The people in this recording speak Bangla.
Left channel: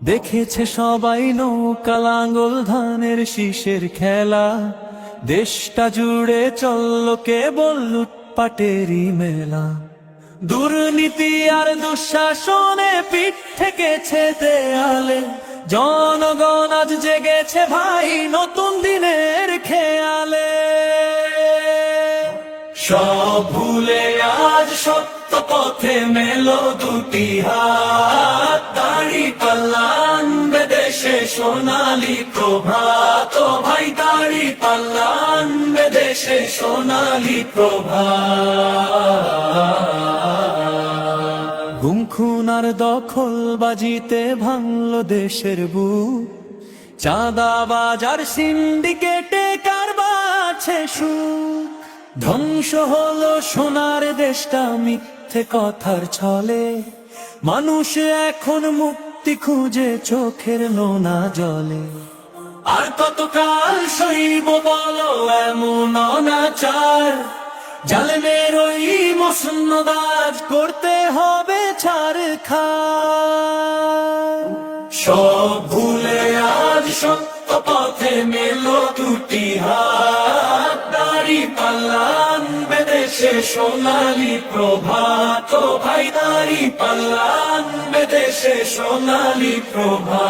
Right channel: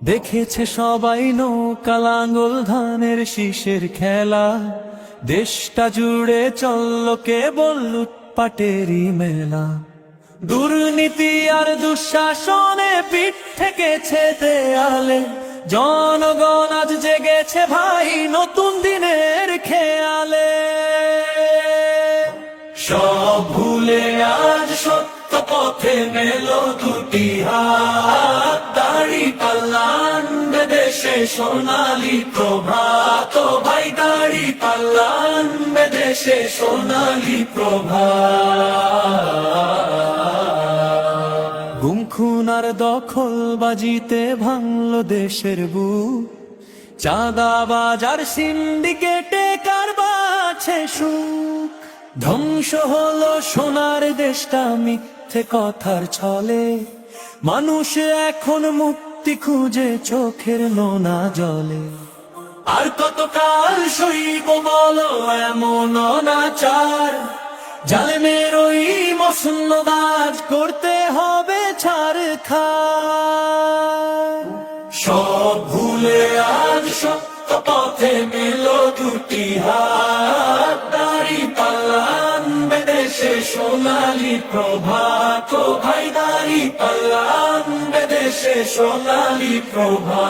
দেখেছে সবাই নৌকা লাঙ্গল ধানের শীষের খেলা, দেশটা জুড়ে চলল কেবল লুটপাটেরই মেলা। দুর্নীতি আর দুঃশাসনে পিঠ ঠেকেছে দেয়ালে, জনগণ আজ জেগেছে ভাই নতুন দিনের খেয়ালে। সব ভুলে আজ সত্য পথে মেলো দুটি হাত, দাড়ি পাল্লা আনবে দেশে সোনালি প্রভাত। ও ভাই দাড়ি পাল্লা আনবে দেশে সোনালি প্রভাত। গুম খুন আর দখল বাজিতে ভাঙলো দেশের বুক, চাঁদাবাজ আর সিন্ডিকেটে কারবারছে সুখ। ধ্বংস হলো সোনার দেশটা মিথ্যে কথার ছলে, মানুষ এখন মুক্তি খুঁজে চোখের নোনা জলে। আর কতকাল সইব বলো এমন অনাচার, জালেমের ওই মসনদাজ করতে হবে ছারখার। সব ভুলে আজ সত্য পথে মেলো দুটি হাত, দাড়ি পাল্লা আনবে দেশে সোনালি প্রভাত। ও ভাই দাড়ি পাল্লা আনবে দেশে সোনালি প্রভাত।